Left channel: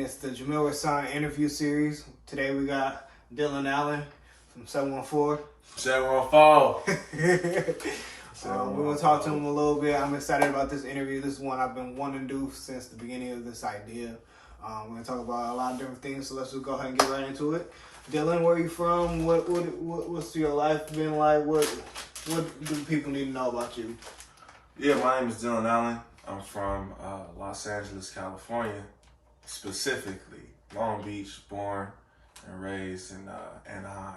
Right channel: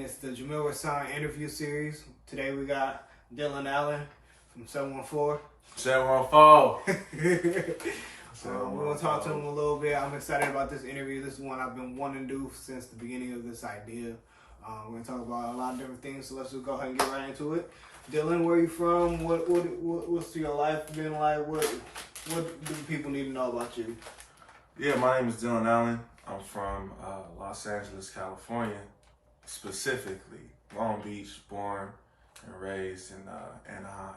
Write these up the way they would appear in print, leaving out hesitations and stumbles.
again, it's the Jameel RaSan interview series. Today we got Dylan Allen from 714. 714. We're going to talk to him a little bit. I'm excited about this interview. This is one I've been wanting to do since the beginning of this idea. We're going to talk about a lot of different things, so let's just go ahead and get right into it. Dylan, where are you from? What's your life been like? What do people need to know about you? Yeah, my name is Dylan Allen. I'm from Los Angeles, California, specifically Long Beach, born and raised in Anaheim.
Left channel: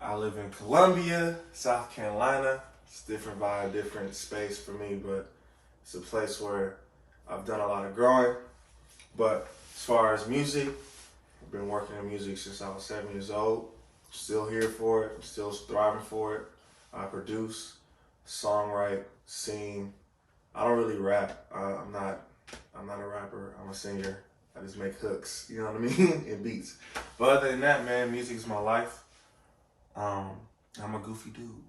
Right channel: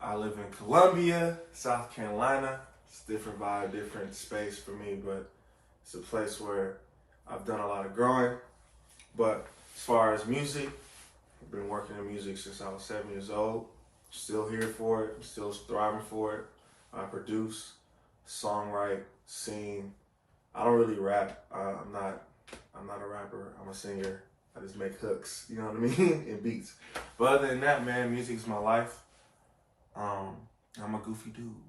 I live in Columbia, South Carolina. It's a different vibe, different space for me, but it's a place where I've done a lot of growing. But as far as music, I've been working in music since I was 7 years old. Still here for it. I'm still thriving for it. I produce, songwrite, sing. I don't really rap. I'm not a rapper. I'm a singer. I just make hooks, you know what I mean, and beats. But other than that, man, music is my life. I'm a goofy dude.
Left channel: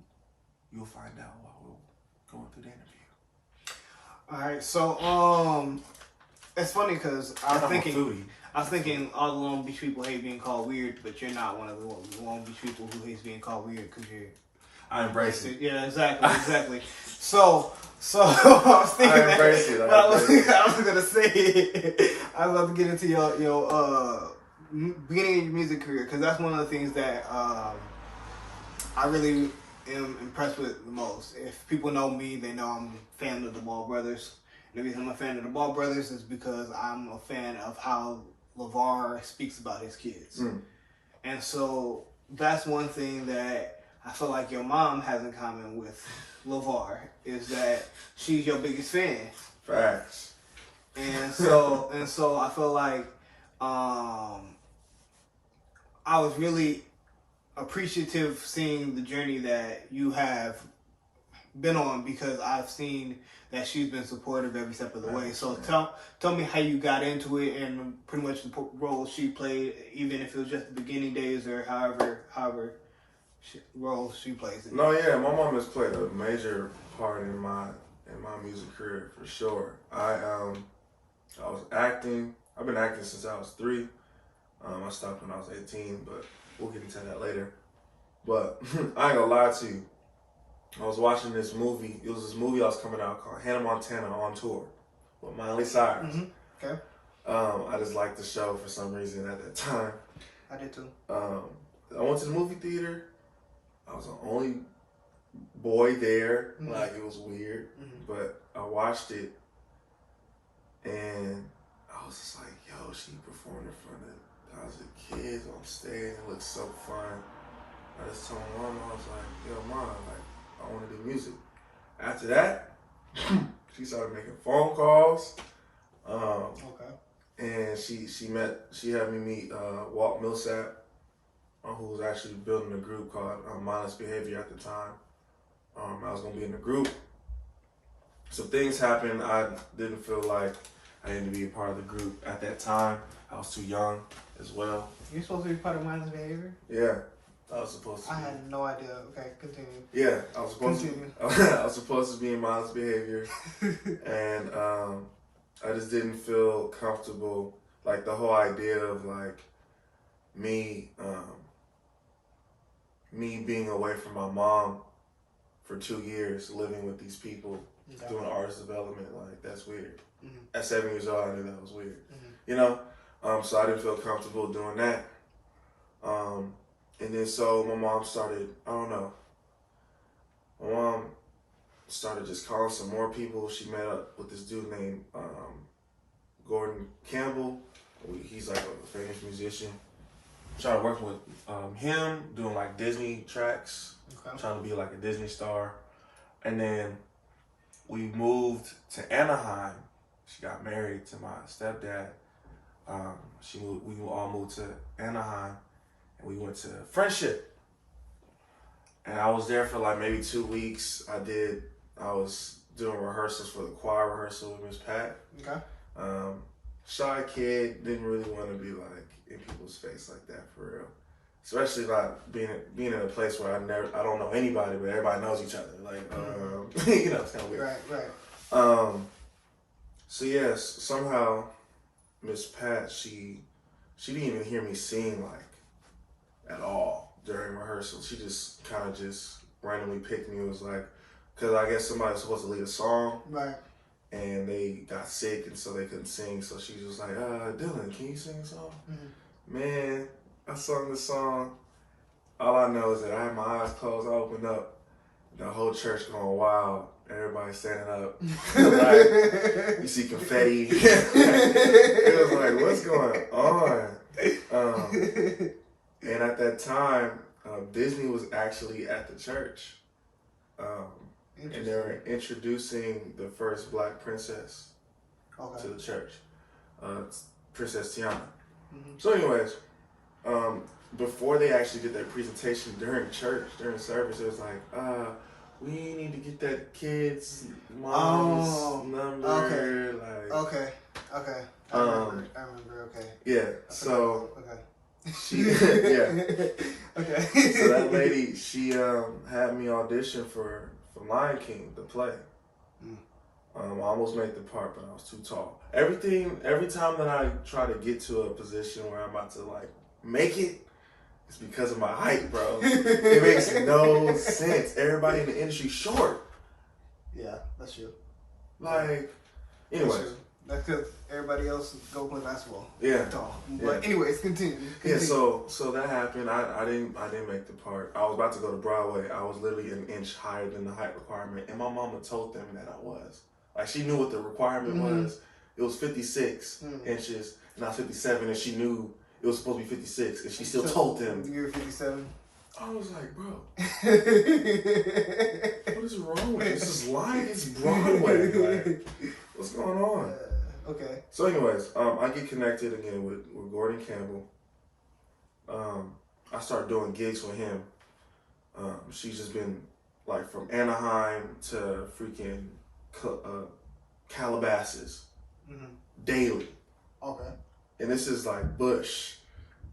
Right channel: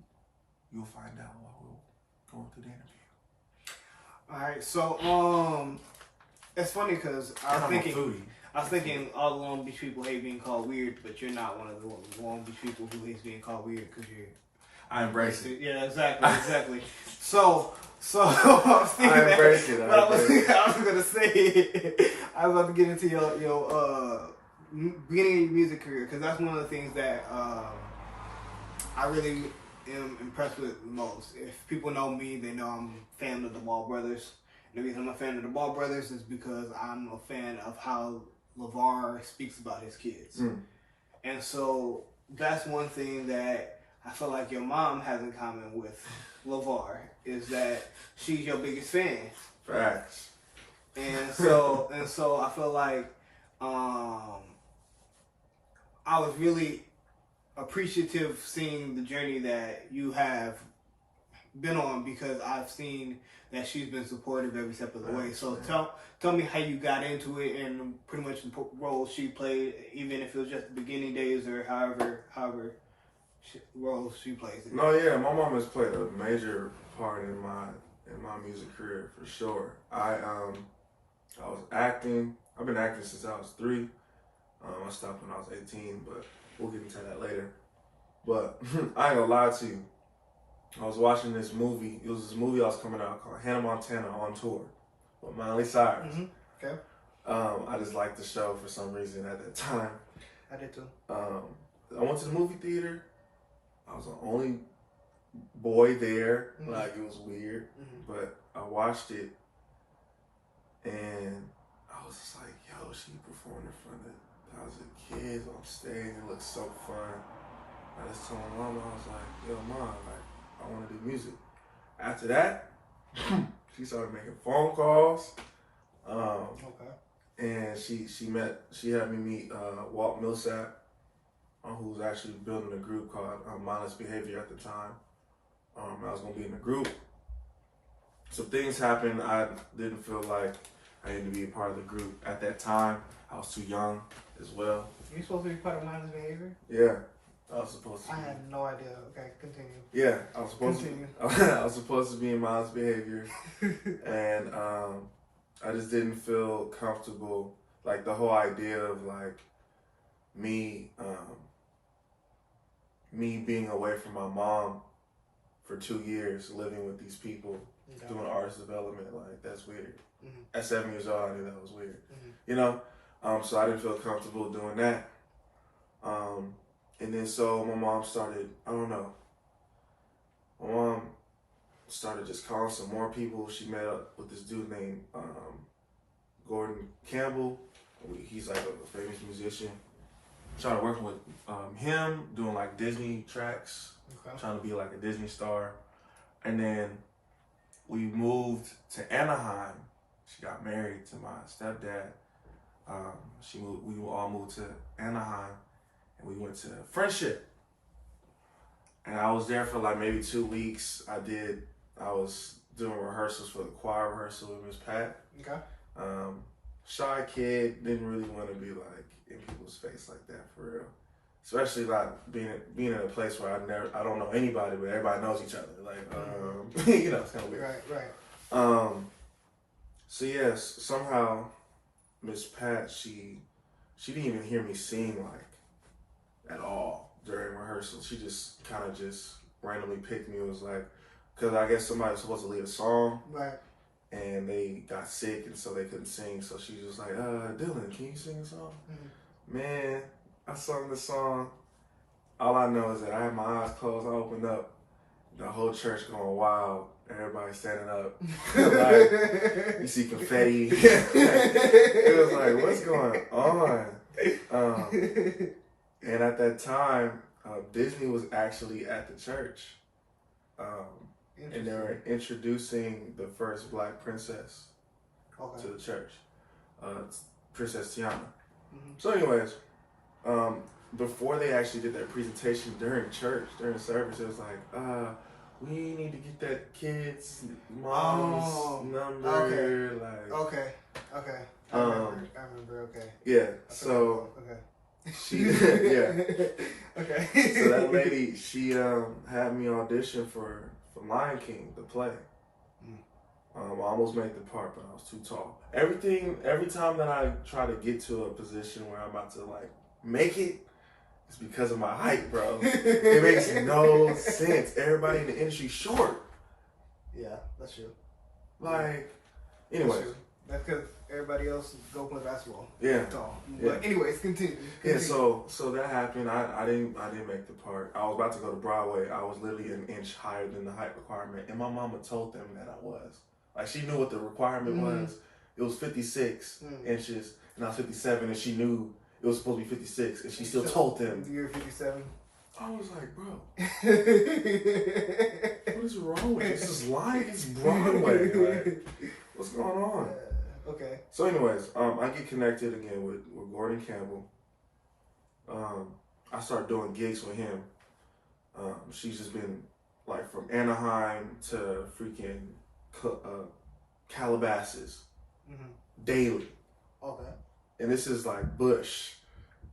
You'll find out while we're going through the interview. All right, so it's funny because I was thinking all the Long Beach people hate being called weird, but you're not one of the Long Beach people who hates being called weird because you're. I embrace it. Yeah, exactly. So I was thinking I embrace it. I was gonna say I was about to get into your beginning of your music career because that's one of the things that I really am impressed with the most. If people know me, they know I'm a fan of the Ball Brothers. And the reason I'm a fan of the Ball Brothers is because I'm a fan of how LeVar speaks about his kids. And so that's one thing that I feel like your mom has in common with LeVar is that she's your biggest fan. Facts. And so I feel like I was really appreciative seeing the journey that you have been on because I've seen that she's been supportive every step of the way. So tell me how you got into it and pretty much the role she played, even if it was just the beginning days or however role she plays in. No, yeah, my mom has played a major part in my music career for sure. I was acting. I've been acting since I was 3. I stopped when I was 18, but we'll get into that later. But I ain't gonna lie to you. I was watching this movie. It was this movie I was coming out called Hannah Montana on Tour with Miley Cyrus. Mm-hmm. Okay. I just liked the show for some reason at that time. I did too. I went to the movie theater. I was the only boy there. Mm-hmm. Like, it was weird. Mm-hmm. But I watched it, and I was just like, yo, she performed in front of thousands of kids on stage. It looked so fun. I just told my mom, I was like, yo, Mom, like, I want to do music. After that, she started making phone calls. Okay. And she had me meet Walt Millsap, who was actually building a group called Mindless Behavior at the time. I was going to be in the group. So things happened. I didn't feel like I needed to be a part of the group at that time. I was too young as well. You're supposed to be part of Mindless Behavior? Yeah, I was supposed to. I had no idea. Okay, continue. Yeah, I was supposed to. I was supposed to be in Mindless Behavior, and I just didn't feel comfortable. Like the whole idea of like me being away from my mom for 2 years, living with these people, doing artist development, like that's weird. Mm-hmm. At 7 years old, I knew that was weird. Mm-hmm. You know, so I didn't feel comfortable doing that. And then so my mom started, I don't know. My mom started just calling some more people. She met up with this dude named Gordon Campbell. He's like a famous musician. Started working with him, doing like Disney tracks, trying to be like a Disney star. And then we moved to Anaheim. She got married to my stepdad. We all moved to Anaheim, and we went to Friendship. And I was there for like maybe 2 weeks. I was doing rehearsals for the choir rehearsal with Miss Pat. Okay. Shy kid, didn't really want to be like in people's face like that for real. Especially like being in a place where I don't know anybody, but everybody knows each other. Like, it's kind of weird. Right. So yes, somehow Miss Pat, she didn't even hear me sing like at all during rehearsal. She just kind of just randomly picked me. It was like, because I guess somebody was supposed to lead a song. Right. And they got sick and so they couldn't sing. So she was like, Dylan, can you sing a song? Mm-hmm. Man, I sung the song. All I know is that I had my eyes closed, I opened up, the whole church going wild. Everybody standing up. Like, you see confetti. It was like, what's going on? And at that time, Disney was actually at the church. And they were introducing the first black princess to the church, Princess Tiana. Mm-hmm. So anyways, before they actually did that presentation during church, during the service, it was like, we need to get that kid's mom's number. Okay. I remember, okay. Yeah, so... She, yeah. Okay. So that lady, she had me audition for Lion King, the play. I almost made the part, but I was too tall. Every time that I try to get to a position where I'm about to like make it, it's because of my height, bro. It makes no sense. Everybody in the industry short. Yeah, that's true. Like, anyway. That's because everybody else go play basketball. Yeah. But anyways, continue. Yeah, so that happened. I didn't make the part. I was about to go to Broadway. I was literally an inch higher than the height requirement. And my mama told them that I was. Like, she knew what the requirement was. It was 56 inches, and I was 57, and she knew it was supposed to be 56, and she still told them. You were 57? I was like, bro, what is wrong with this? This is lying. It's Broadway. Like, what's going on? Okay. So anyways, I get connected again with Gordon Campbell. I start doing gigs with him. She's just been like from Anaheim to freaking Calabasas daily. Okay. And this is like Bush.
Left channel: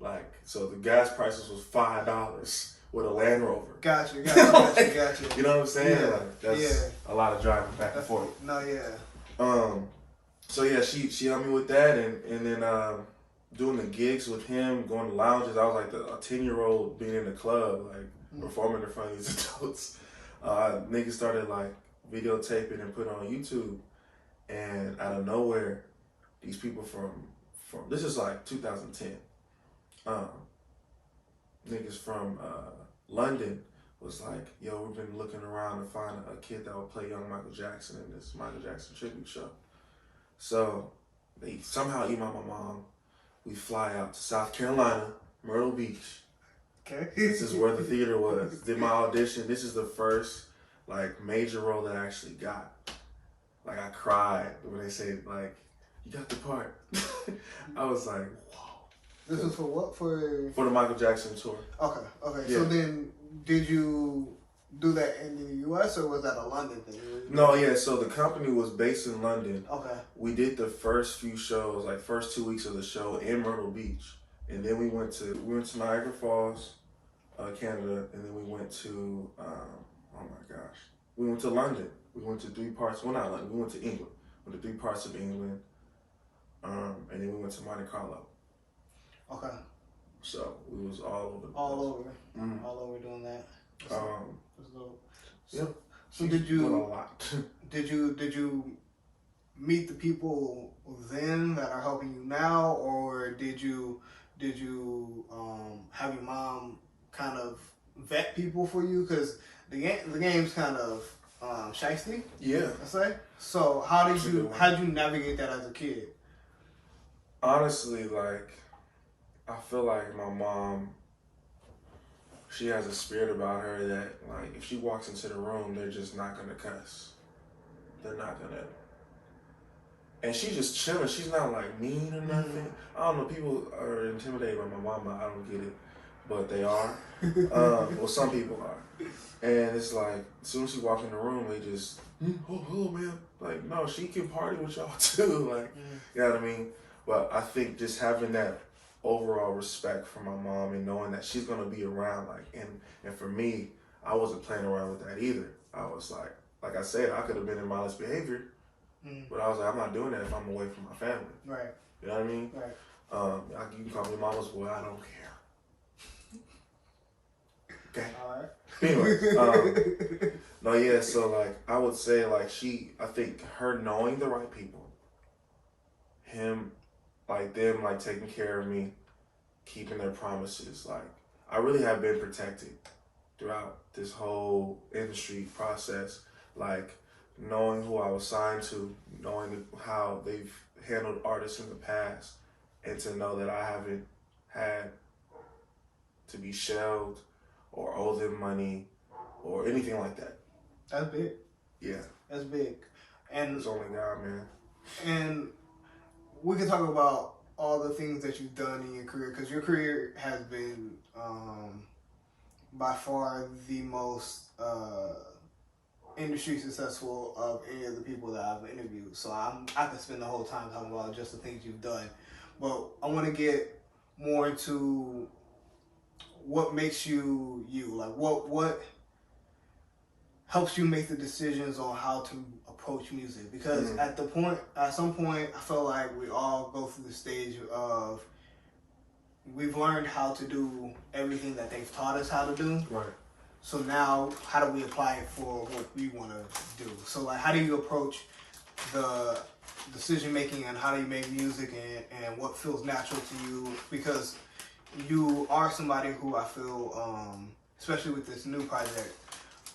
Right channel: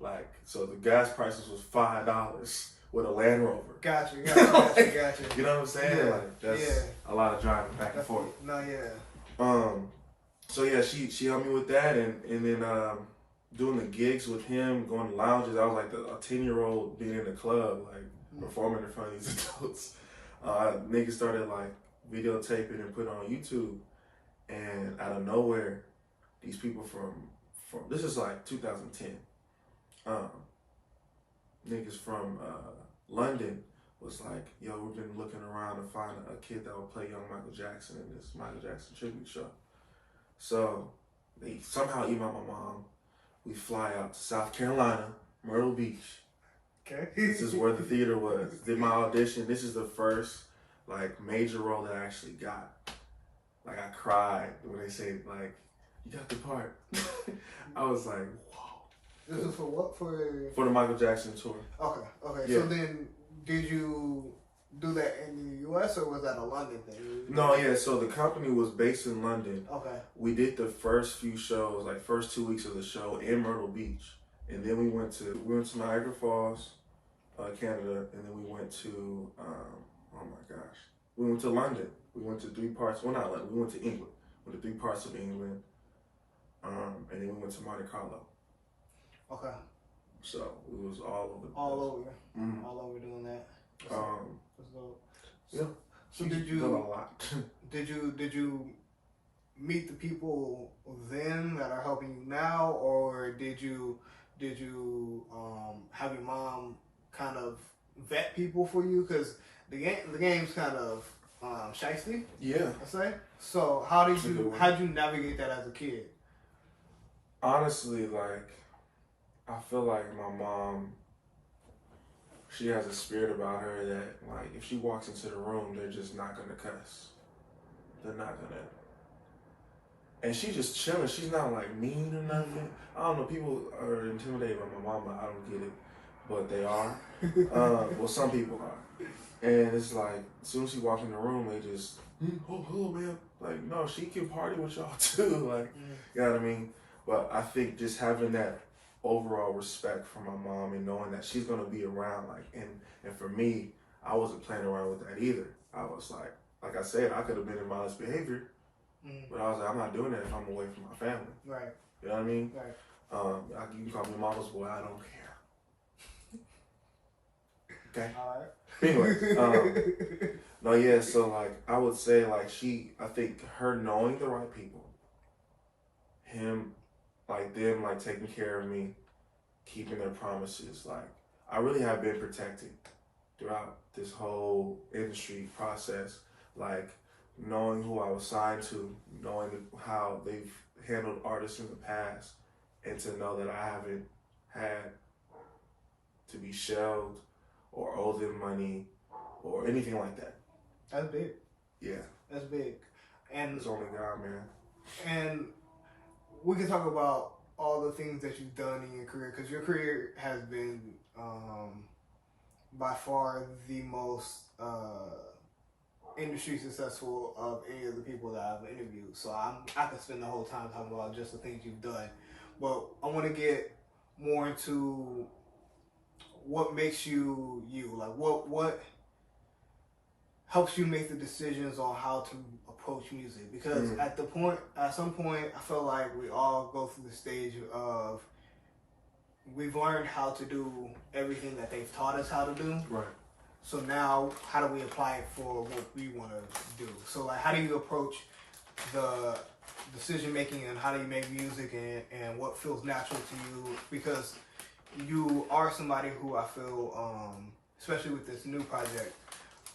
Like, so the gas prices was $5 with a Land Rover. Gotcha. You know what I'm saying? Yeah. Like, that's a lot of driving back and forth. No, yeah. So yeah, she helped me with that, and then doing the gigs with him, going to lounges. I was like a 10-year-old being in the club, like performing in front of these adults. Niggas started like videotaping and putting on YouTube, and out of nowhere, these people from this is like 2010. Niggas from London was like, yo, we've been looking around to find a kid that will play young Michael Jackson in this Michael Jackson tribute show. So they somehow email my mom. We fly out to South Carolina, Myrtle Beach. Okay. This is where the theater was. Did my audition. This is the first like major role that I actually got. Like, I cried when they said like, you got the part. I was like, whoa. This is for what? For the Michael Jackson tour. Okay. Yeah. So then, did you do that in the U.S. or was that a London thing? No, yeah. So the company was based in London. Okay. We did the first few shows, like first 2 weeks of the show in Myrtle Beach, and then we went to Niagara Falls, Canada, and then we went to oh my gosh, we went to London. We went to 3 parts. Well, not London. We went to England. We went to 3 parts of England, and then we went to Monte Carlo. Okay. So we was all over. All over doing that. So did you? A lot. Did you meet the people then that are helping you now, or did you have your mom kind of vet people for you? Because the game's kind of shiesty. Yeah. I say. So how did you navigate that as a kid? Honestly, like, I feel like my mom, she has a spirit about her that, like, if she walks into the room, they're just not going to cuss. They're not going to. And she's just chilling. She's not, like, mean or nothing. Mm-hmm. I don't know. People are intimidated by my mama. I don't get it. But they are. Well, some people are. And it's like, as soon as she walks in the room, they just, oh, hello, man. Like, no, she can party with y'all, too. Like, you know what I mean? But I think just having that overall respect for my mom and knowing that she's going to be around, like, and for me, I wasn't playing around with that either. I was like I said, I could have been in mindless behavior, But I was like, I'm not doing that if I'm away from my family. Right. You know what I mean? Right. You can call me mama's boy. I don't care. Okay. All right. Anyway, no, yeah. So like, I would say like I think her knowing the right people, him, like them, like taking care of me, keeping their promises. Like, I really have been protected throughout this whole industry process. Like, knowing who I was signed to, knowing how they've handled artists in the past, and to know that I haven't had to be shelved or owe them money or anything like that. That's big. Yeah. That's big. And it's only God, man. And we can talk about all the things that you've done in your career, because your career has been by far the most industry successful of any of the people that I've interviewed. So I could spend the whole time talking about just the things you've done. But I want to get more into what makes you you. Like what helps you make the decisions on how to approach music. Because at some point, I feel like we all go through the stage of we've learned how to do everything that they've taught us how to do. Right. So now, how do we apply it for what we want to do? So, like, how do you approach the decision making, and how do you make music, and what feels natural to you? Because you are somebody who I feel, especially with this new project,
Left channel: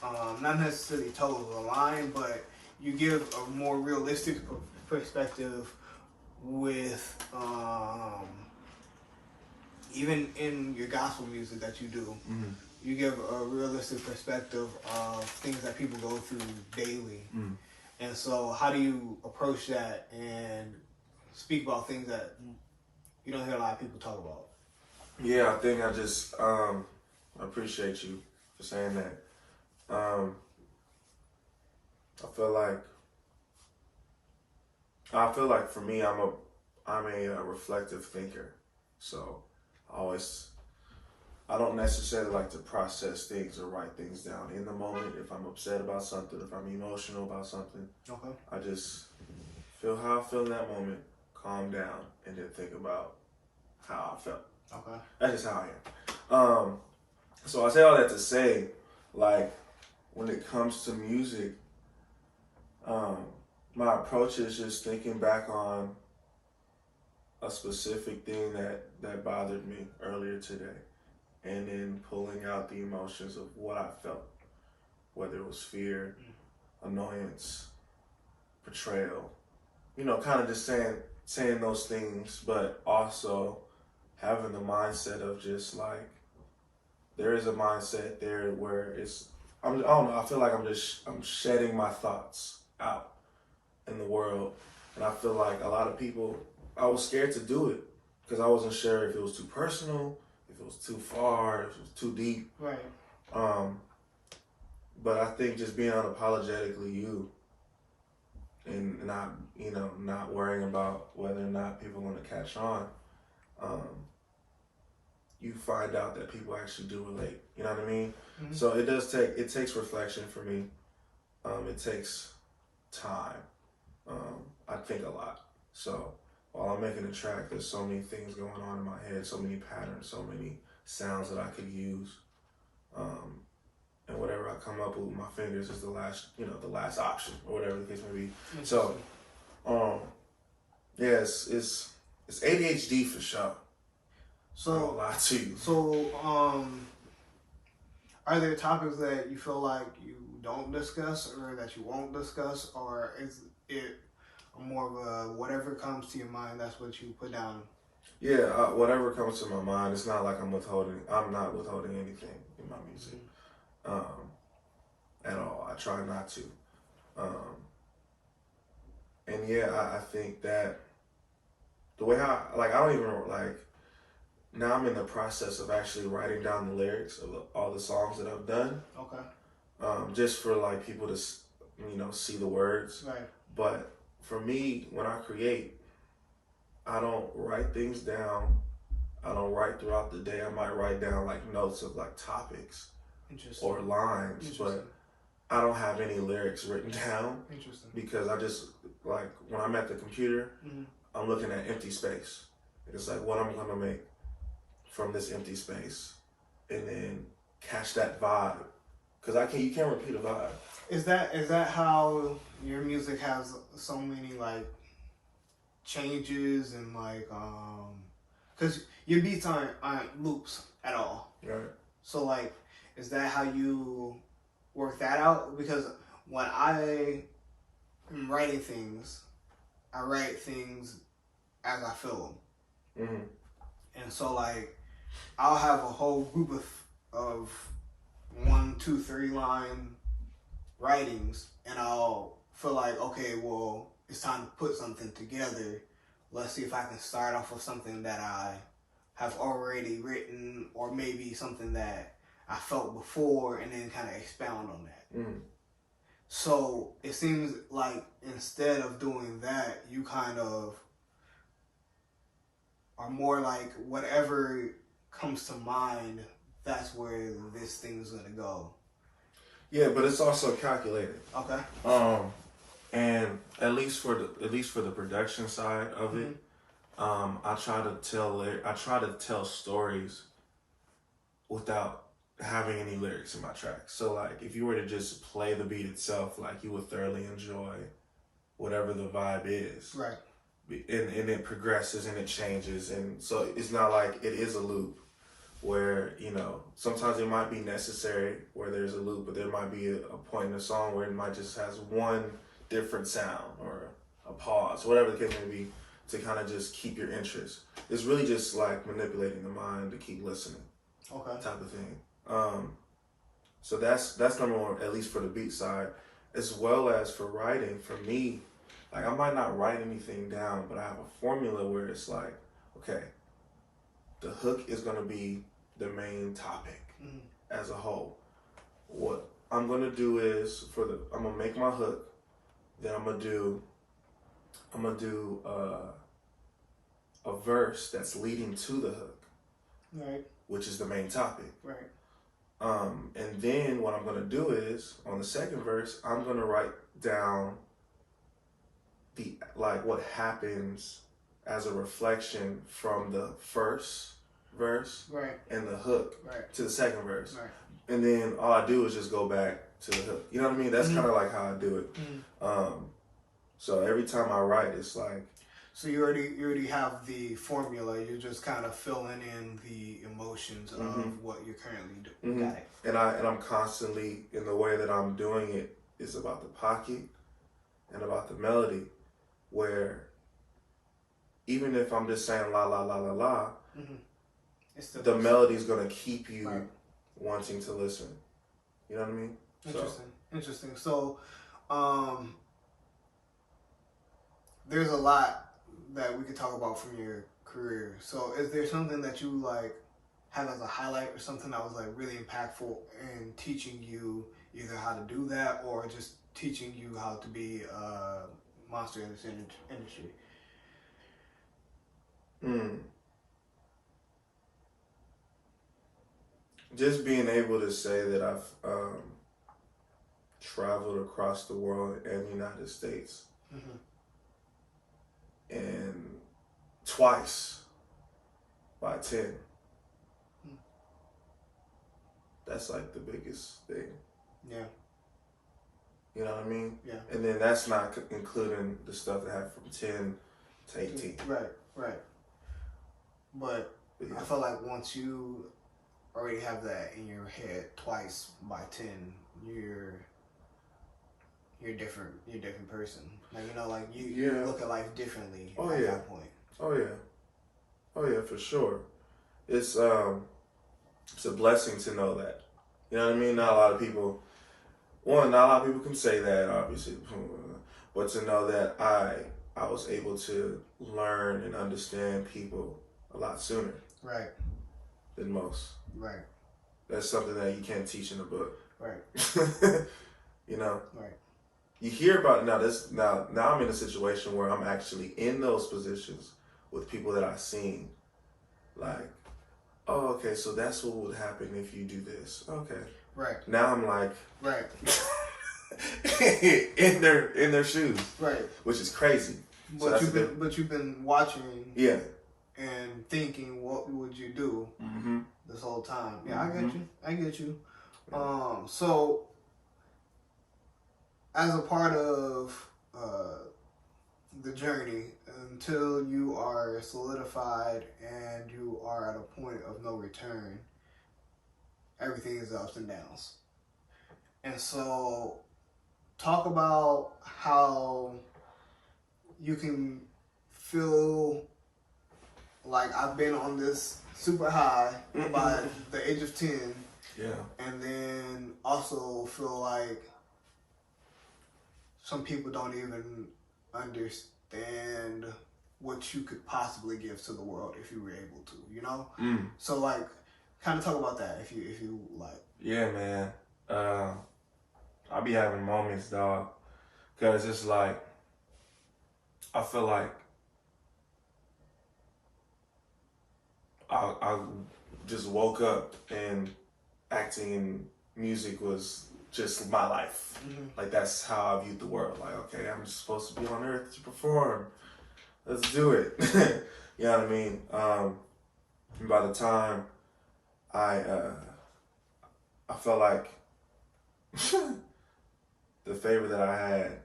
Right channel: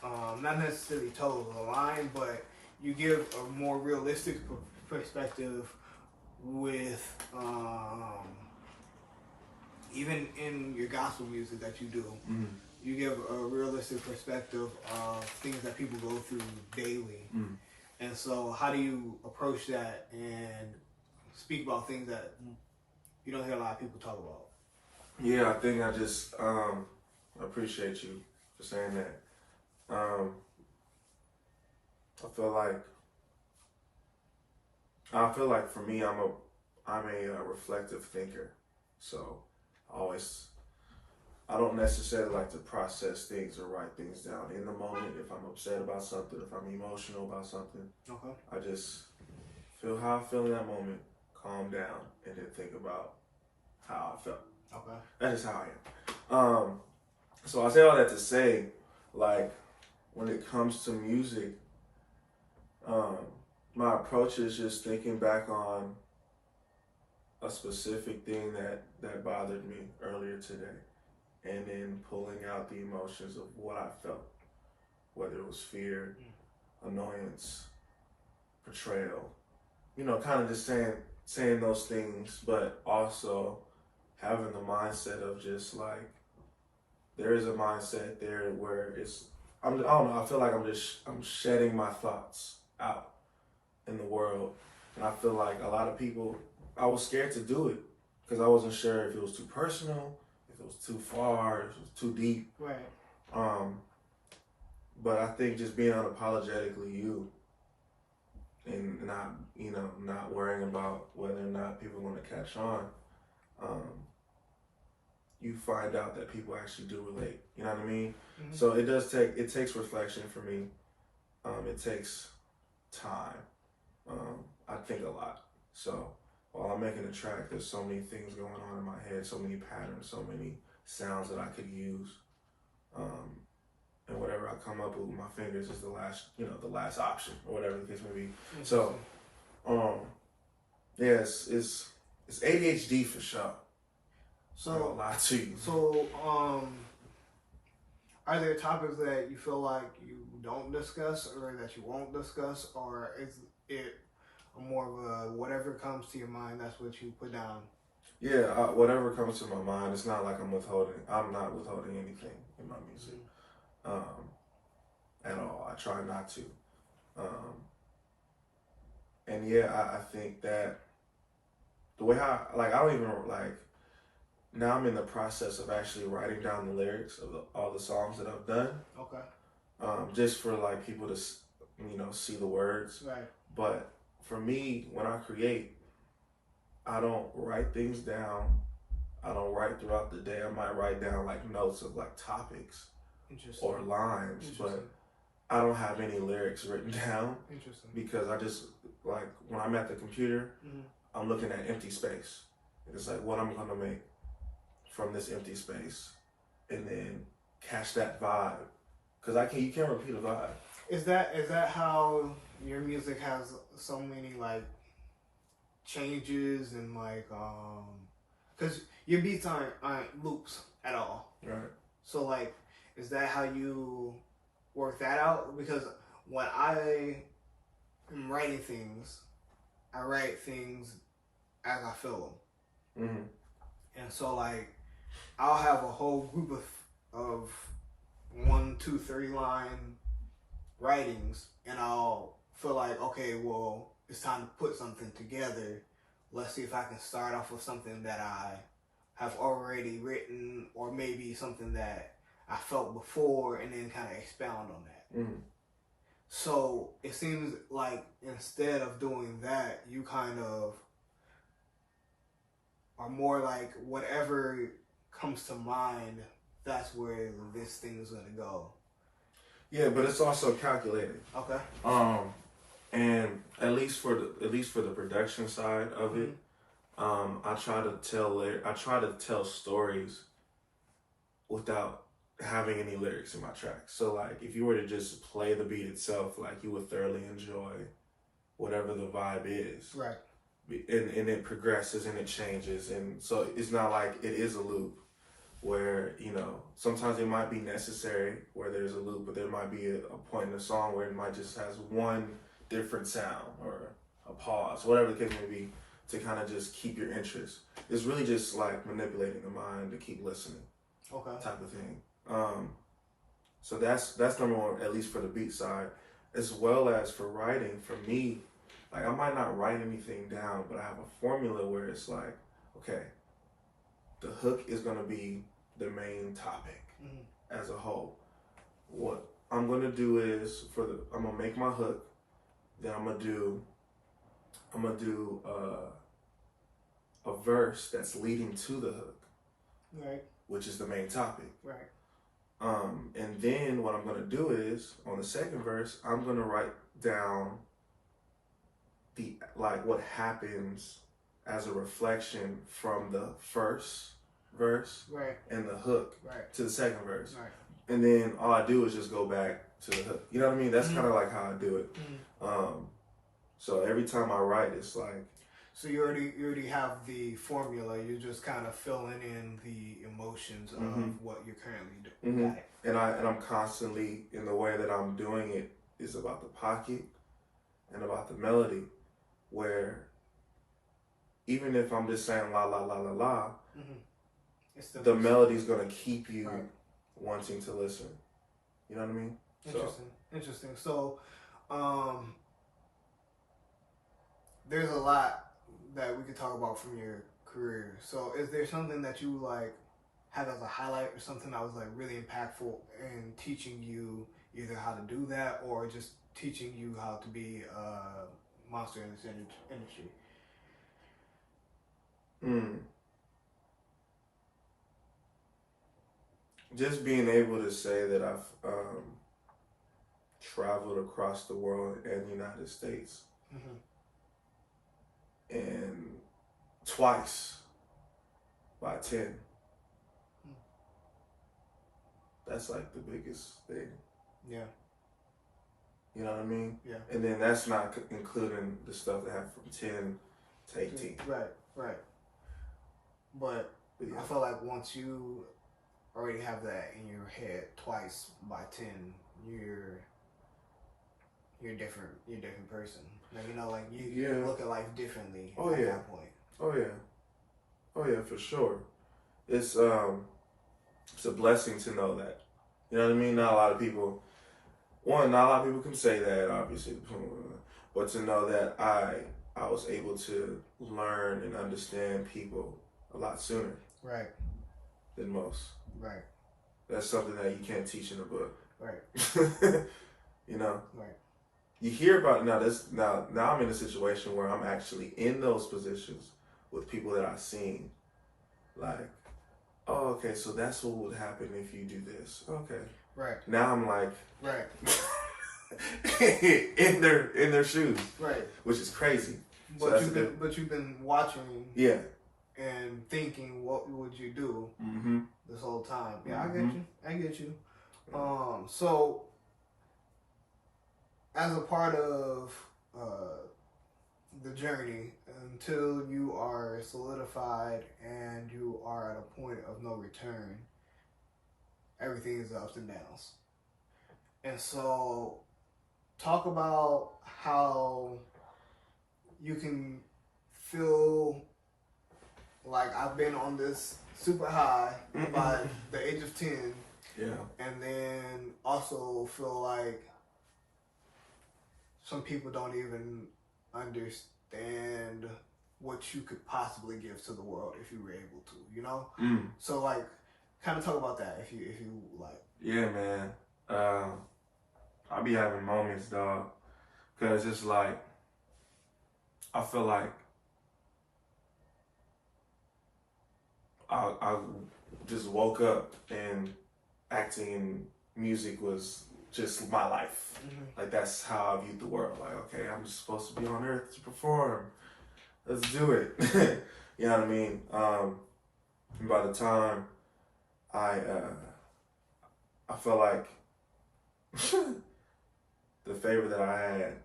not necessarily total the line, but you give a more realistic perspective with even in your gospel music that you do. You give a realistic perspective of things that people go through daily. And so how do you approach that and speak about things that you don't hear a lot of people talk about? Yeah, I think I just I appreciate you for saying that. I feel like for me, I'm a reflective thinker. So I don't necessarily like to process things or write things down in the moment. If I'm upset about something, if I'm emotional about something, I just feel how I feel in that moment, calm down, and then think about how I felt. That's just how I am. So I say all that to say, like, when it comes to music, my approach is just thinking back on a specific thing that bothered me earlier today, and then pulling out the emotions of what I felt, whether it was fear, annoyance, betrayal, kind of just saying those things, but also having the mindset of just like, there is a mindset there where I don't know, I feel like I'm shedding my thoughts out in the world. And I feel like a lot of people, I was scared to do it because I wasn't sure if it was too personal, if it was too far, if it was too deep. Right. But I think just being unapologetically you and not worrying about whether or not people want to catch on, you find out that people actually do relate. You know what I mean? So it takes reflection for me. It takes time. I think a lot. So while I'm making a track, there's so many things going on in my head, so many patterns, so many sounds that I could use. And whatever I come up with my fingers is the last option, or whatever the case may be. So, yes, it's ADHD for sure. So, I'll lie to you. So, are there topics that you feel like you don't discuss, or that you won't discuss, or is it more of a whatever comes to your mind, that's what you put down? Yeah, whatever comes to my mind. It's not like I'm not withholding anything in my music, at all. I try not to. And yeah, I think that the way I don't even like. Now I'm in the process of actually writing down the lyrics of all the songs that I've done. Okay. Just for like people to, see the words. Right. But for me, when I create, I don't write things down. I don't write throughout the day. I might write down like notes of like topics or lines, but I don't have any lyrics written down. Interesting. Because I just, like, when I'm at the computer, Mm-hmm. I'm looking at empty space. It's like, what I'm gonna make from this empty space, and then catch that vibe. Cause you can't repeat a vibe. Is that how your music has so many like changes and like cause your beats aren't loops at all. Right. So like, is that how you work that out? Because when I am writing things, I write things as I feel them. Mm-hmm. And so like, I'll have a whole group of 1, 2, 3 line writings, and I'll feel like, okay, well, it's time to put something together. Let's see if I can start off with something that I have already written, or maybe something that I felt before, and then kind of expound on that. Mm-hmm. So it seems like instead of doing that, you kind of are more like whatever comes to mind, that's where this thing is gonna go. Yeah, but it's also calculated. Okay. And at least for the production side of it, I try to tell stories without having any lyrics in my tracks. So like, if you were to just play the beat itself, like, you would thoroughly enjoy whatever the vibe is. Right. And it progresses and it changes, and so it's not like it is a loop where, you know, sometimes it might be necessary where there's a loop, but there might be a point in the song where it might just has one different sound or a pause, whatever the case may be, to kind of just keep your interest. It's really just like manipulating the mind to keep listening. Okay. Type of thing. So that's number one, at least for the beat side, as well as for writing. For me, like, I might not write anything down, but I have a formula where it's like, okay, the hook is gonna be the main topic as a whole. What I'm gonna do is I'm gonna make my hook, then I'm gonna do a verse that's leading to the hook, Right. which is the main topic. Right. And then what I'm gonna do is, on the second verse, I'm gonna write down what happens as a reflection from the first verse, Right. and the hook, Right. to the second verse. Right. And then all I do is just go back to the hook. You know what I mean? That's kind of like how I do it. So every time I write, it's like, so you already have the formula. You're just kind of filling in the emotions of what you're currently doing. Got it. And I'm constantly, in the way that I'm doing it, is about the pocket and about the melody, where even if I'm just saying la la la la la, the melody's gonna keep you wanting to listen. You know what I mean? Interesting. So, there's a lot that we could talk about from your career. So, is there something that you like had as a highlight, or something that was like really impactful in teaching you either how to do that, or just teaching you how to be a monster in this industry? Just being able to say that I've traveled across the world and the United States, and twice by 10. That's like the biggest thing. Yeah. You know what I mean? Yeah. And then that's not including the stuff that have from 10 to 18. Right. But yeah. I feel like once you already have that in your head, twice by 10, you're a different person. Like, you know, like you look at life differently at that point. Oh yeah, for sure. It's a blessing to know that. You know what I mean? Not a lot of people can say that, obviously, but to know that I was able to learn and understand people a lot sooner. Right. Than most. Right. That's something that you can't teach in a book. Right. You know? Right. You hear about now I'm in a situation where I'm actually in those positions with people that I've seen. Like, oh, okay, so that's what would happen if you do this. Okay. Right. Now I'm like, right. in their shoes, right? Which is crazy. But you've been watching, yeah, and thinking, what would you do this whole time? Yeah, I get you. So as a part of the journey, until you are solidified and you are at a point of no return, everything is ups and downs. And so talk about how you can feel like I've been on this super high by the age of 10. Yeah. And then also feel like some people don't even understand what you could possibly give to the world if you were able to, you know? So like, kind of talk about that if you like. Yeah, man. I be having moments, dog, because it's like, I feel like I just woke up and acting in music was just my life. Like, that's how I viewed the world. Like, okay, I'm just supposed to be on earth to perform. Let's do it. You know what I mean? And by the time I felt like the favor that I had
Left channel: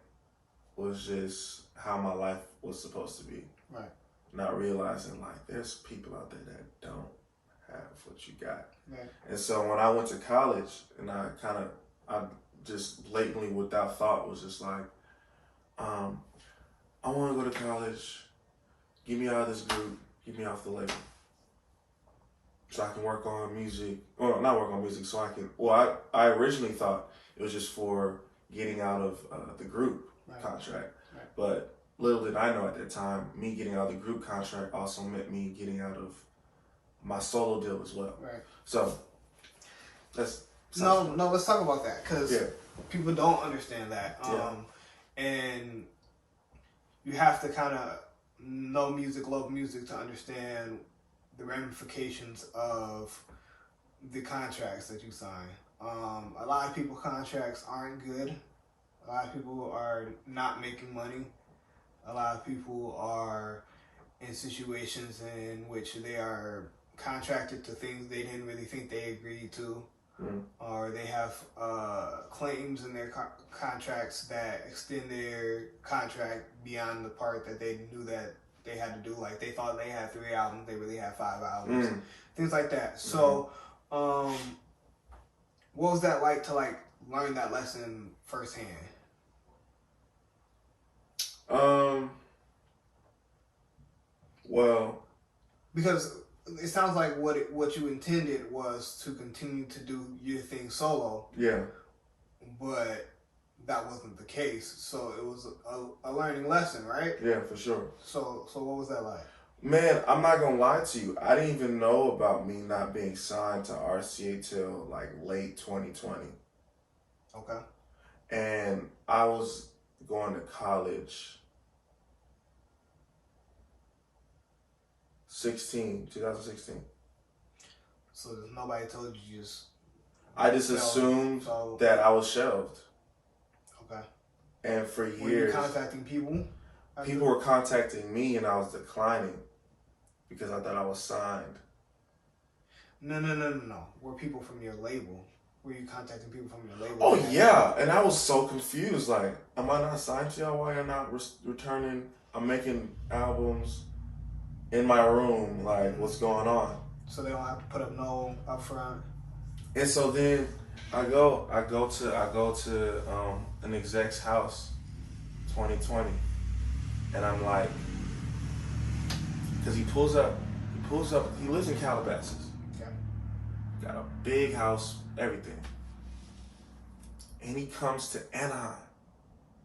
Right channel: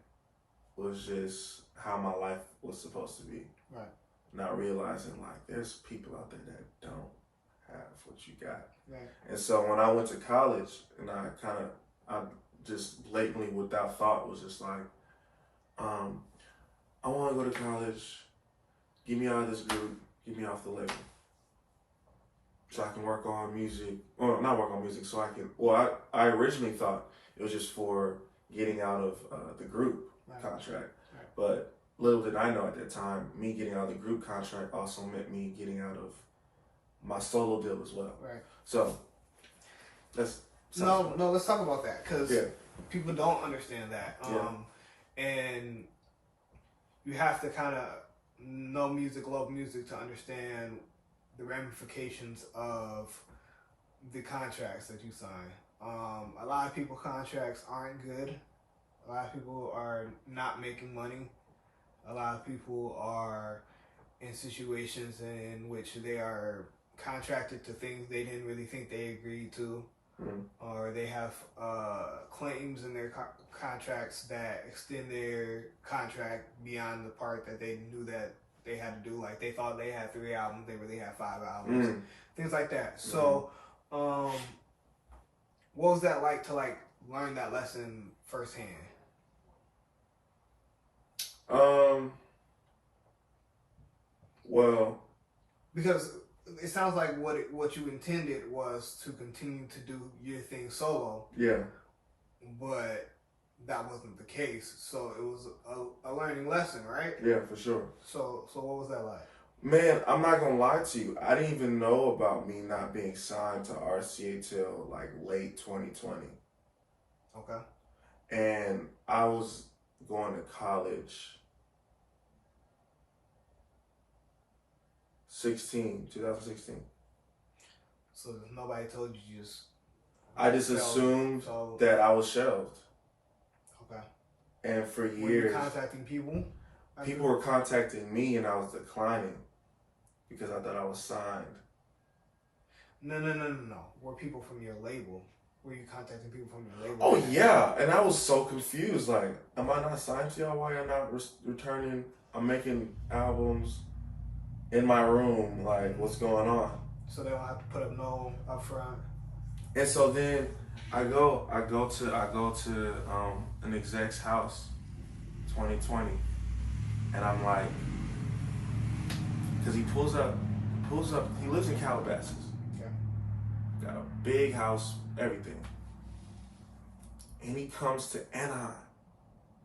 was just how my life was supposed to be. Right. Not realizing, like, there's people out there that don't have what you got. Right. And so when I went to college, and I just blatantly, without thought, was just like, I want to go to college, get me out of this group, get me off the label, so I can work on music. Well, not work on music, so I can, I originally thought it was just for getting out of the group contract. Right. But little did I know at that time, me getting out of the group contract also meant me getting out of my solo deal as well. Right. So let's talk about that, because people don't understand that. And you have to kind of know music, love music, to understand the ramifications of the contracts that you sign. A lot of people contracts aren't good. A lot of people are not making money. A lot of people are in situations in which they are contracted to things they didn't really think they agreed to, or they have claims in their contracts that extend their contract beyond the part that they knew that they had to do. Like, they thought they had 3 albums, they really had 5 albums, things like that. So, what was that like to learn that lesson firsthand? Well, because it sounds like what you intended was to continue to do your thing solo. Yeah. But that wasn't the case. So it was a learning lesson, right? Yeah, for sure. So what was that like? Man, I'm not gonna lie to you. I didn't even know about me not being signed to RCA till like late 2020. Okay. And I was going to college 2016. So nobody told you just... I just assumed that I was shelved. Okay. And for years... Were you contacting people? People were contacting me and I was declining because I thought I was signed. No. Were people from your label? Were you contacting people from your label? Oh, yeah. And I was so confused. Like, am I not signed to y'all? Why am I not returning? I'm making albums in my room. Like, what's going on? So they don't have to put up no upfront. And so then I go to an exec's house, 2020, and I'm like, because he pulls up. He lives in Calabasas. Okay. Got a big house, everything. And he comes to Anaheim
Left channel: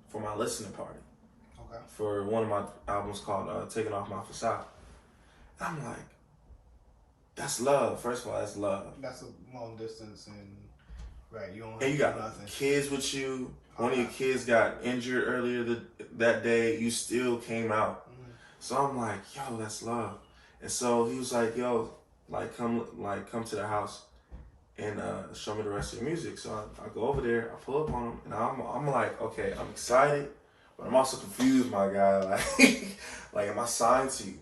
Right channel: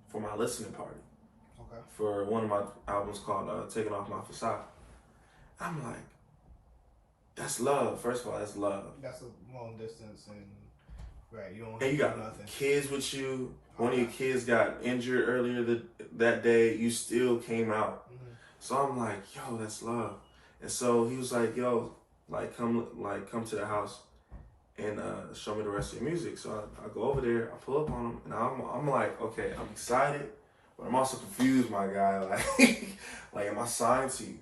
for my listening party. Okay. For one of my albums called Taking Off My Facade. I'm like, that's love. First of all, that's love. That's a long distance, and right, you don't have and you got nothing. Kids with you. One of your kids got injured earlier that day. You still came out. So I'm like, yo, that's love. And so he was like, yo, come to the house. and show me the rest of the music. So I go over there, I pull up on him, and I'm like, okay, I'm excited, but I'm also confused, my guy. Like am I signed to you?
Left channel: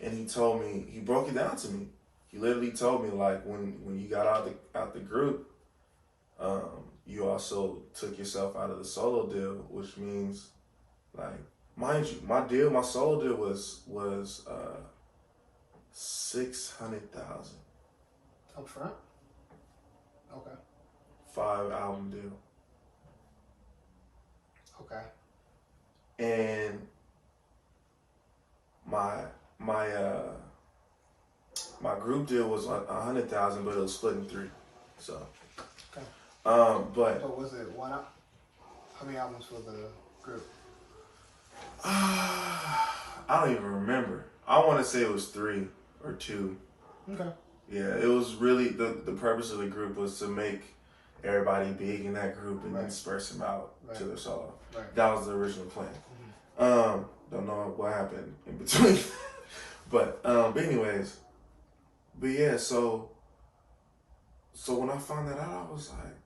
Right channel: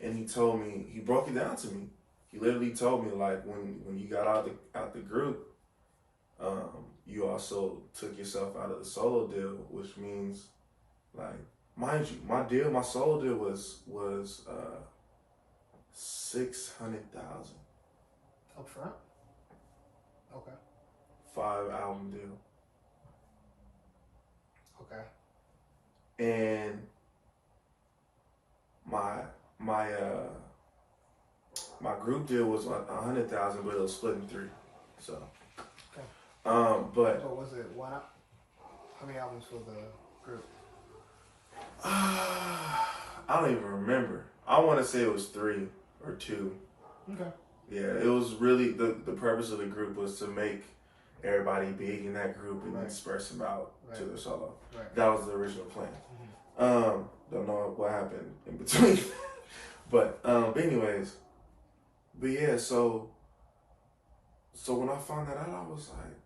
And he told me, he broke it down to me. He literally told me, like, when you got out the group, you also took yourself out of the solo deal, which means, like, mind you, my solo deal was $600,000. Up front? Okay. 5-album deal. Okay. And my group deal was $100,000, but it was split in 3. So okay. But so was it one? How many albums for the group? I don't even remember. I want to say it was 3 or 2. Okay. Yeah, it was really the purpose of the group was to make everybody big in that group and then disperse them out to their solo. Right. That was the original plan. Don't know what happened in between. but anyways, but yeah, so when I found that out, I was like,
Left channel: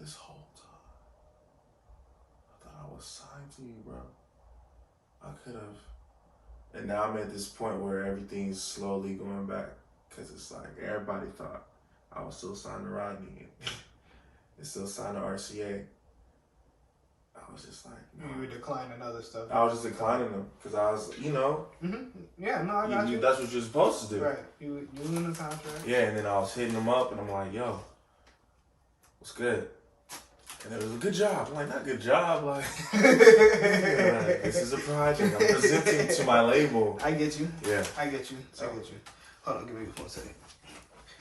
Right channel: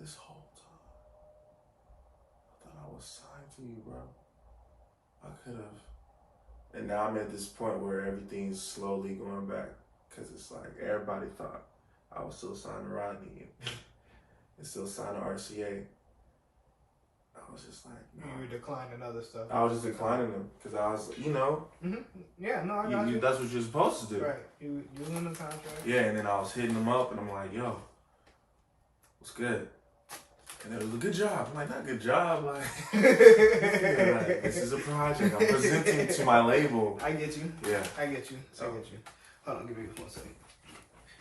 this whole time, I thought I was signed to you, bro. I could have. And now I'm at this point where everything's slowly going back, because it's like everybody thought I was still signed to Rodney and still signed to RCA. I was just like, no. You were declining other stuff. I was just declining them because I was, Yeah, no, I got you. That's what you're supposed to do. Right. You in the contract. Yeah, and then I was hitting them up and I'm like, yo, what's good? And it was a good job. I'm like, not good job. Like, this is a project. I'm presenting to my label. I get you. Yeah. I get you. I get you. Hold on, give me 1 second.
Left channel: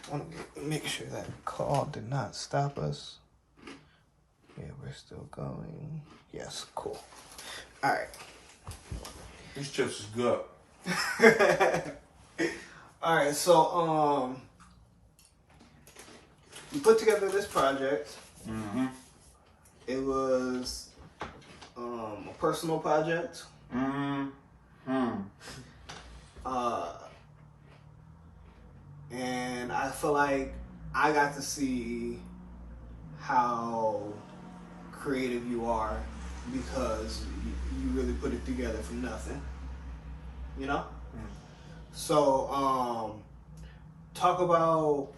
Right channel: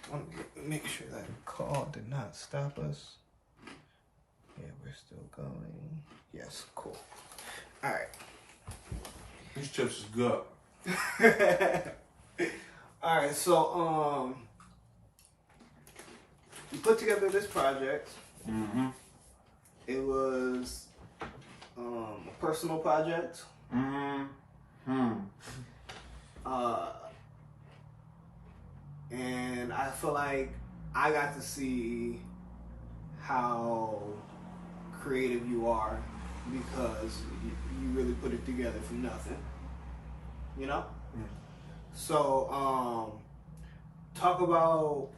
I want to make sure that call did not stop us. Yeah, we're still going. Yes, cool. All right. These chips is good. All right, so you put together this project. Mm-hmm. It was a personal project. Mm-hmm. And I feel like I got to see how creative you are because you really put it together from nothing. You know? So, talk about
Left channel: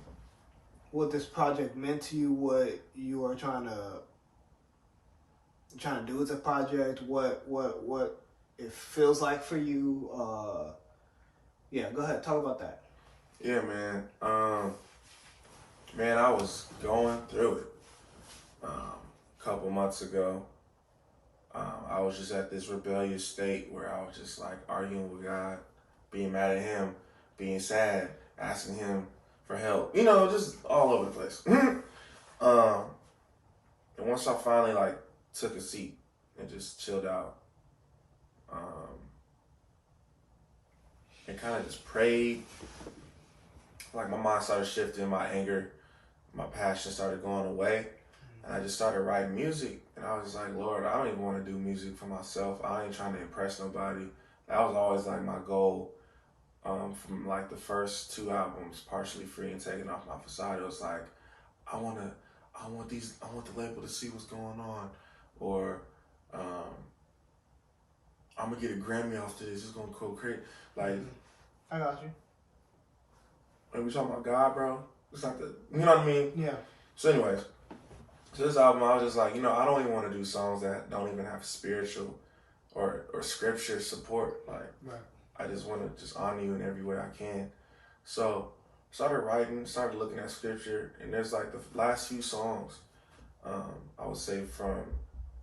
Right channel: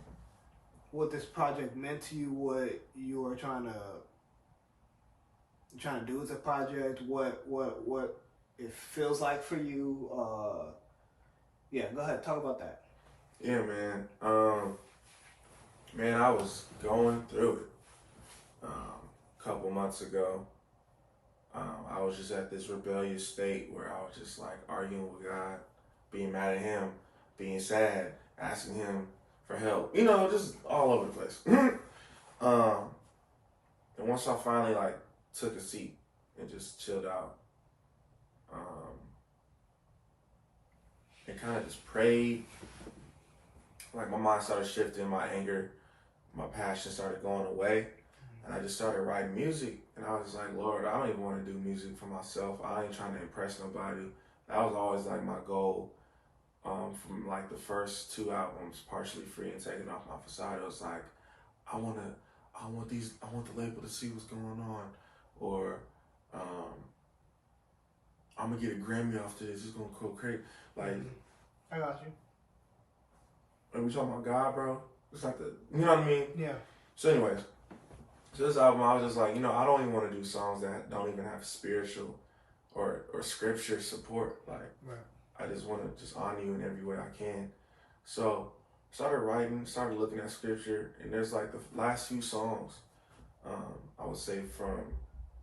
what this project meant to you, what you were trying to do with the project, what it feels like for you. Yeah, go ahead, talk about that. Yeah, man. Man, I was going through it. A couple months ago, I was just at this rebellious state where I was just like arguing with God, being mad at Him, being sad, asking Him for help. Just all over the place. And once I finally took a seat and just chilled out, and kind of just prayed. My mind started shifting, my anger, my passion started going away, and I just started writing music. And I was just like, Lord, I don't even want to do music for myself. I ain't trying to impress nobody. That was always my goal. From the first 2 albums, Partially Free and Taking Off My Facade, it was like, I want the label to see what's going on, or I'm gonna get a Grammy off to this. It's gonna go crazy. I got you. Are we talking about God, bro? It's not the, you know what I mean? Yeah. So anyways, this album, I was just like, I don't even want to do songs that don't even have spiritual or scripture support. Right. I just want to just honor you in every way I can. So started writing, started looking at scripture, and there's the last few songs, I would say from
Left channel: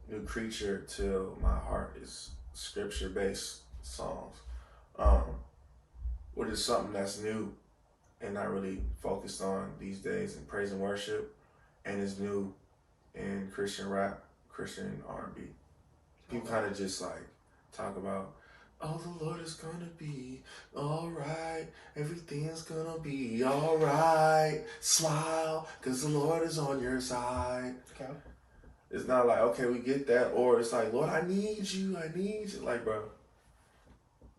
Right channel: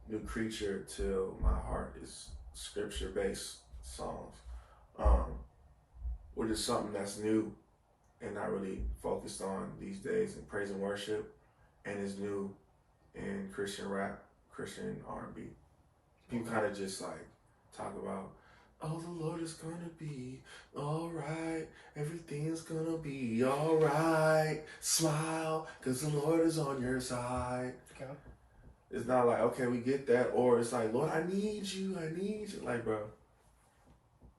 New Creature till My Heart is scripture-based songs, which is something that's new and not really focused on these days in praise and worship, and is new in Christian rap, Christian R&B. People kind of just talk about, oh, the Lord is gonna be all right. Everything's gonna be all right. Smile, because the Lord is on your side. Okay. It's not okay, we get that. Or it's Lord, I need you. Bro,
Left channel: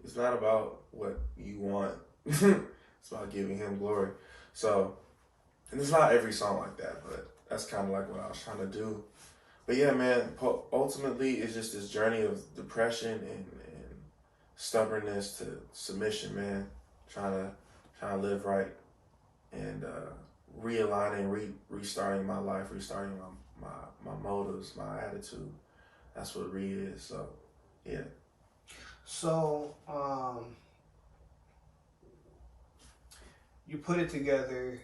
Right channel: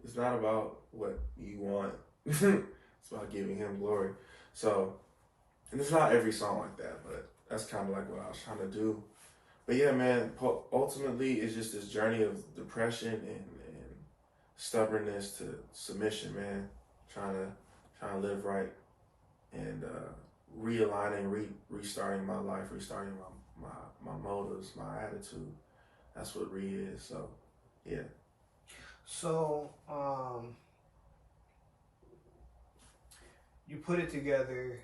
it's not about what you want. It's It's about giving him glory. So, and it's not every song like that, but that's kind of like what I was trying to do. But yeah, man, ultimately it's just this journey of depression and stubbornness to submission, man. Trying to live right and realigning, restarting my life, restarting my motives, my attitude. That's what re is. So, yeah. So, you put it together.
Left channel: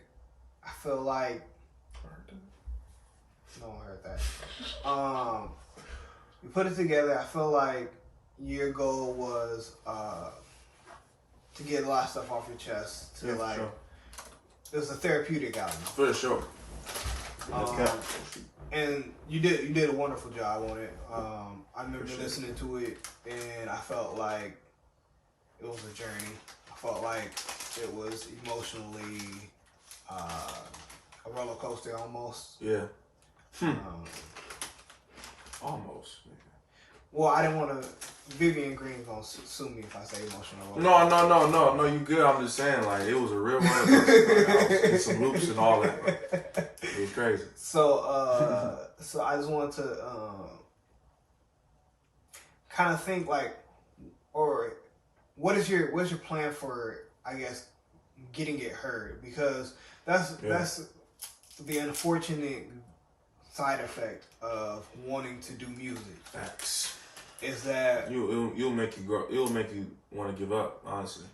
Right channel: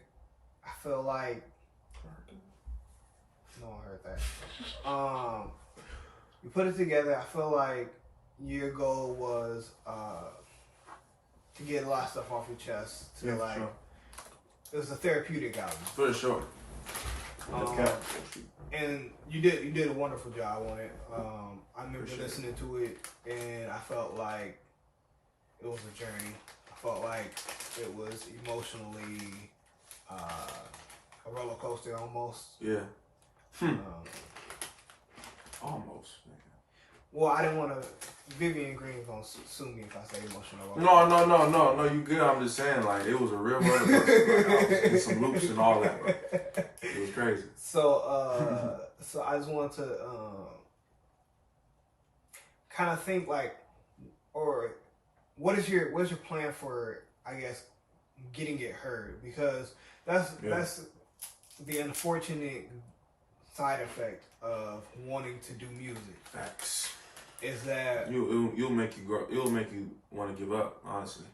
I feel like no one heard that. You put it together. I feel like your goal was to get a lot of stuff off your chest. To Yeah, sure. It was a therapeutic album. For sure. And you did a wonderful job on it. I remember listening to it, and I felt like it was a journey. I felt like it was emotionally a roller coaster almost. Yeah. Almost. Well, I didn't want to. Vivian Green gonna sue me if I say emotional. No. You good? I'm just saying, like, it was a real roller coaster. Like, I was in some loops and all that. It was crazy. So, so I just wanted to kind of think like, or what is your plan for, I guess, getting it heard? Because that's the unfortunate side effect of wanting to do music. Facts. Is that you'll make you grow? It'll make you want to give up. Honestly,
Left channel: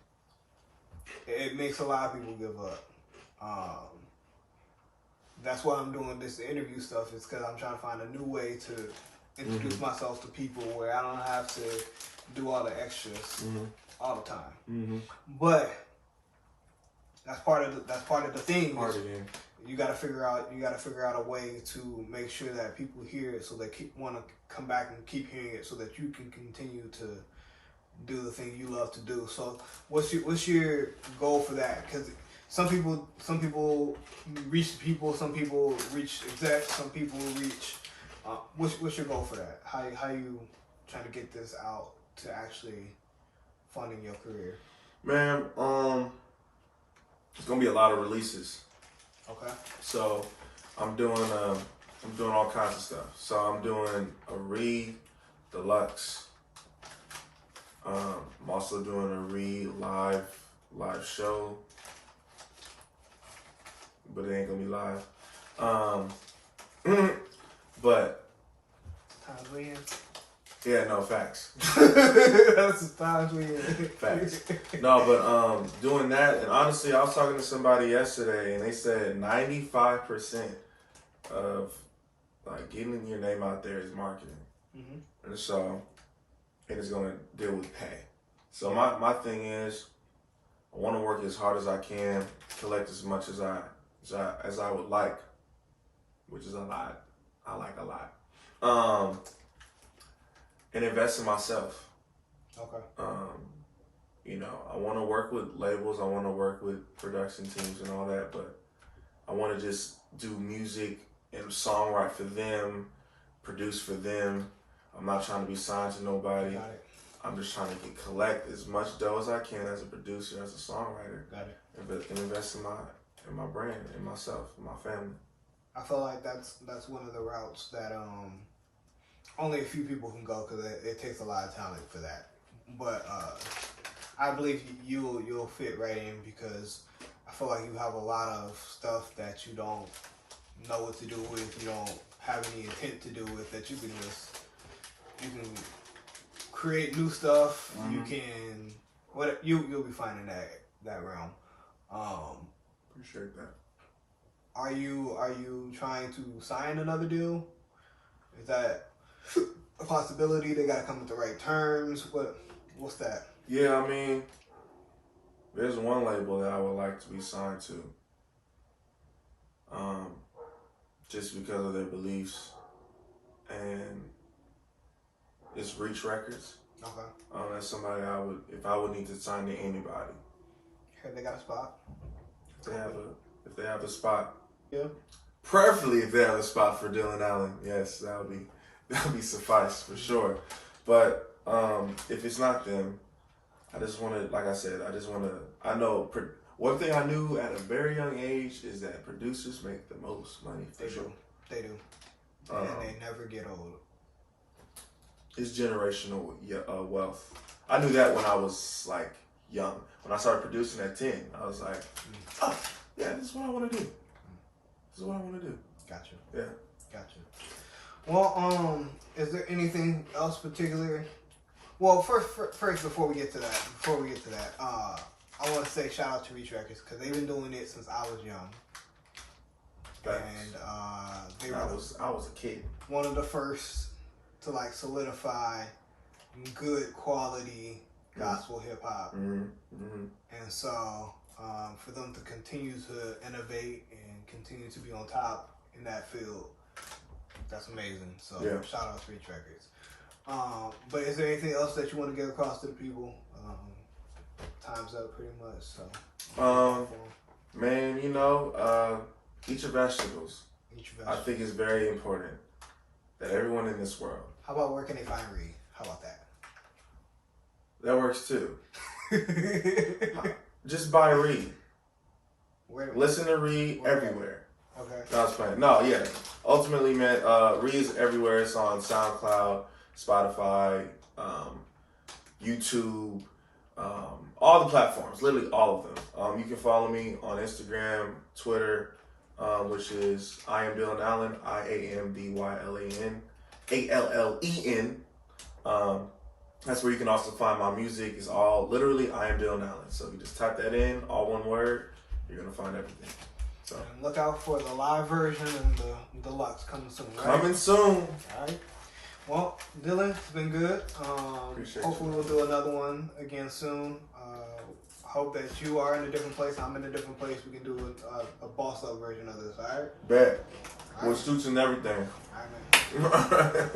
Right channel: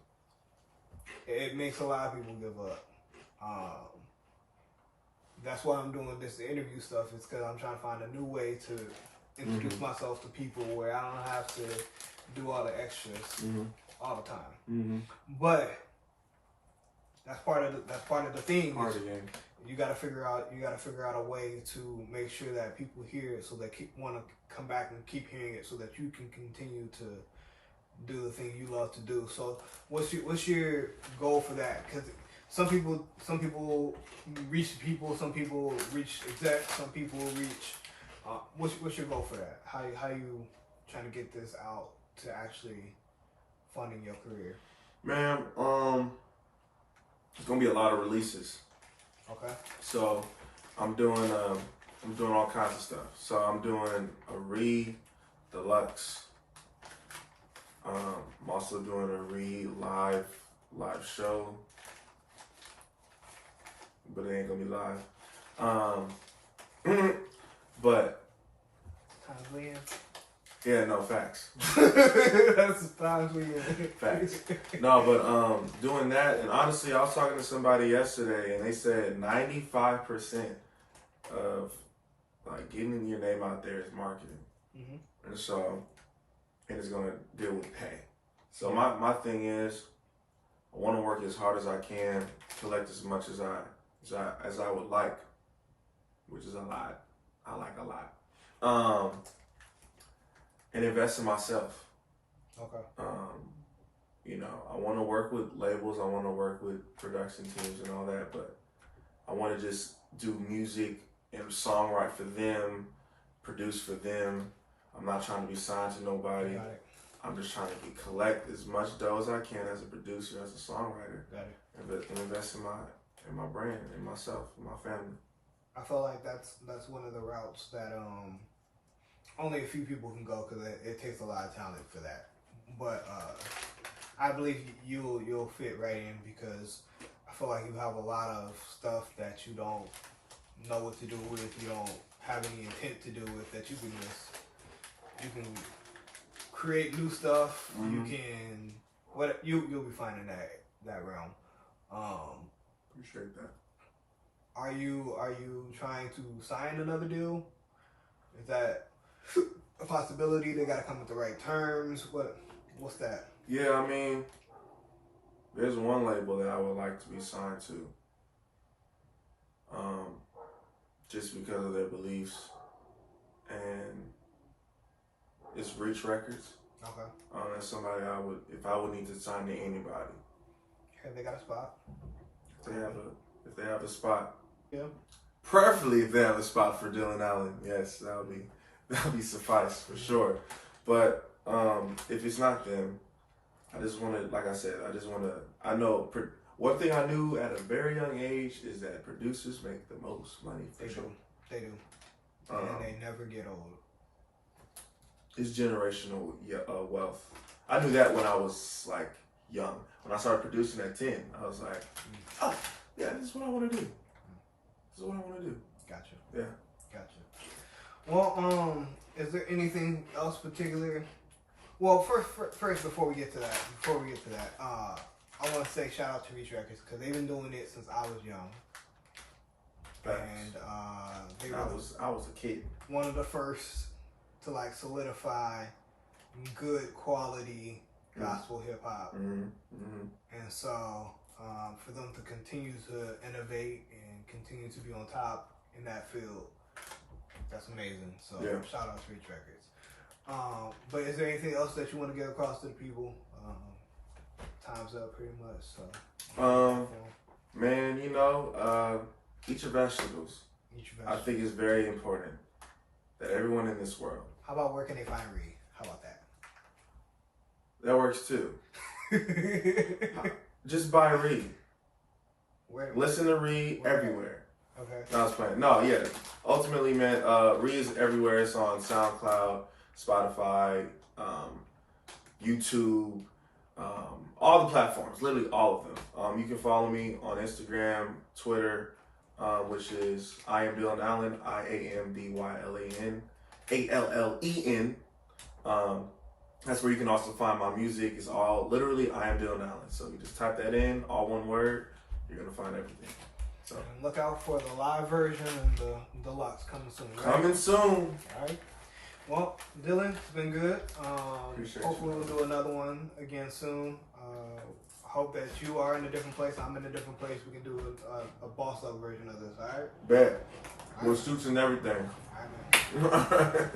it makes a lot of people give up. That's why I'm doing this interview stuff. Is because I'm trying to find a new way to introduce myself to people where I don't have to do all the extras all the time. But that's part of the thing. Part of the game. You got to figure out a way to make sure that people hear it, so they want to come back and keep hearing it, so that you can continue to do the thing you love to do. So what's your goal for that? Because some people reach people, some people reach execs, some people reach. What's your goal for that? How you trying to get this out to actually funding your career? Man, it's gonna be a lot of releases. Okay. So I'm doing all kinds of stuff. So I'm doing a deluxe. I'm also doing a live show, but it ain't gonna be live. But times we in. Yeah, no, facts. That's the times we in. Facts. No, but doing that, and honestly, I was talking to somebody yesterday, and they said 95% of like getting your name out there is marketing, and so it is going to deal with pay. So my thing is, I want to work as hard as I can, collect as much as I would like, which is a lot. I like a lot. And invest in myself. Okay. I want to work with labels. I want to work with production teams and all that, but I want to just do music and songwrite for them, produce for them. I'm not trying to be signed to nobody. Got it. I'm just trying to collect as much dough as I can as a producer, as a songwriter. Got it. And invest in my brand, in myself, in my family. I feel like that's one of the routes that only a few people can go, because it takes a lot of talent for that. But I believe you'll fit right in, because I feel like you have a lot of stuff that you don't know what to do with, you don't have any intent to do with, that you can create new stuff. You can you'll be fine in that realm. Appreciate that. Are you trying to sign another deal? Is that a possibility? They gotta come with the right terms. What's that? Yeah, I mean, there's one label that I would like to be signed to. Just because of their beliefs, and it's Reach Records. Okay. That's somebody if I would need to sign to anybody. Have they got a spot? If they have a spot. Yeah. Preferably if they have a spot for Dylan Allen, yes, that would be suffice for sure. But if it's not them, I just want to, like I said, I know One thing I knew at a very young age is that producers make the most money for sure. They do. And they never get old. It's generational wealth. I knew that when I was like young. When I started producing at 10, I was like, oh, yeah, this is what I want to do. This is what I want to do. Gotcha. Yeah. Gotcha. Well, is there anything else particular? Well, first, before we get to that, I want to say shout out to Reach Records because they've been doing it since I was young. And I was a kid. One of the first to like solidify good quality gospel hip hop. And so for them to continue to innovate and continue to be on top in that field, that's amazing. So shout out to Reach Records. But is there anything else that you want to get across to the people? Time's up pretty much. So man, eat your vegetables. I think it's very important that everyone in this world. How about where can they find Reed? How about that? That works too. Just buy Reed. Listen to Reed everywhere. Okay. No, I was playing. No, yeah. Ultimately, man, Reed is everywhere. It's on SoundCloud, Spotify, YouTube, all the platforms. Literally all of them. You can follow me on Instagram, Twitter, which is I am Dylan Allen, IAMDYLAN, ALLEN. That's where you can also find my music. It's all literally I am Dylan Allen. So you just type that in, all one word, you're gonna find everything. So and look out for the live version and the deluxe coming soon. Right? Coming soon. All right. Well, Dylan, it's been good. Hopefully we'll do another one again soon. Hope that you are in a different place. I'm in a different place. We can do a boss up version of this. All right. Bet. With suits and everything. All right, man.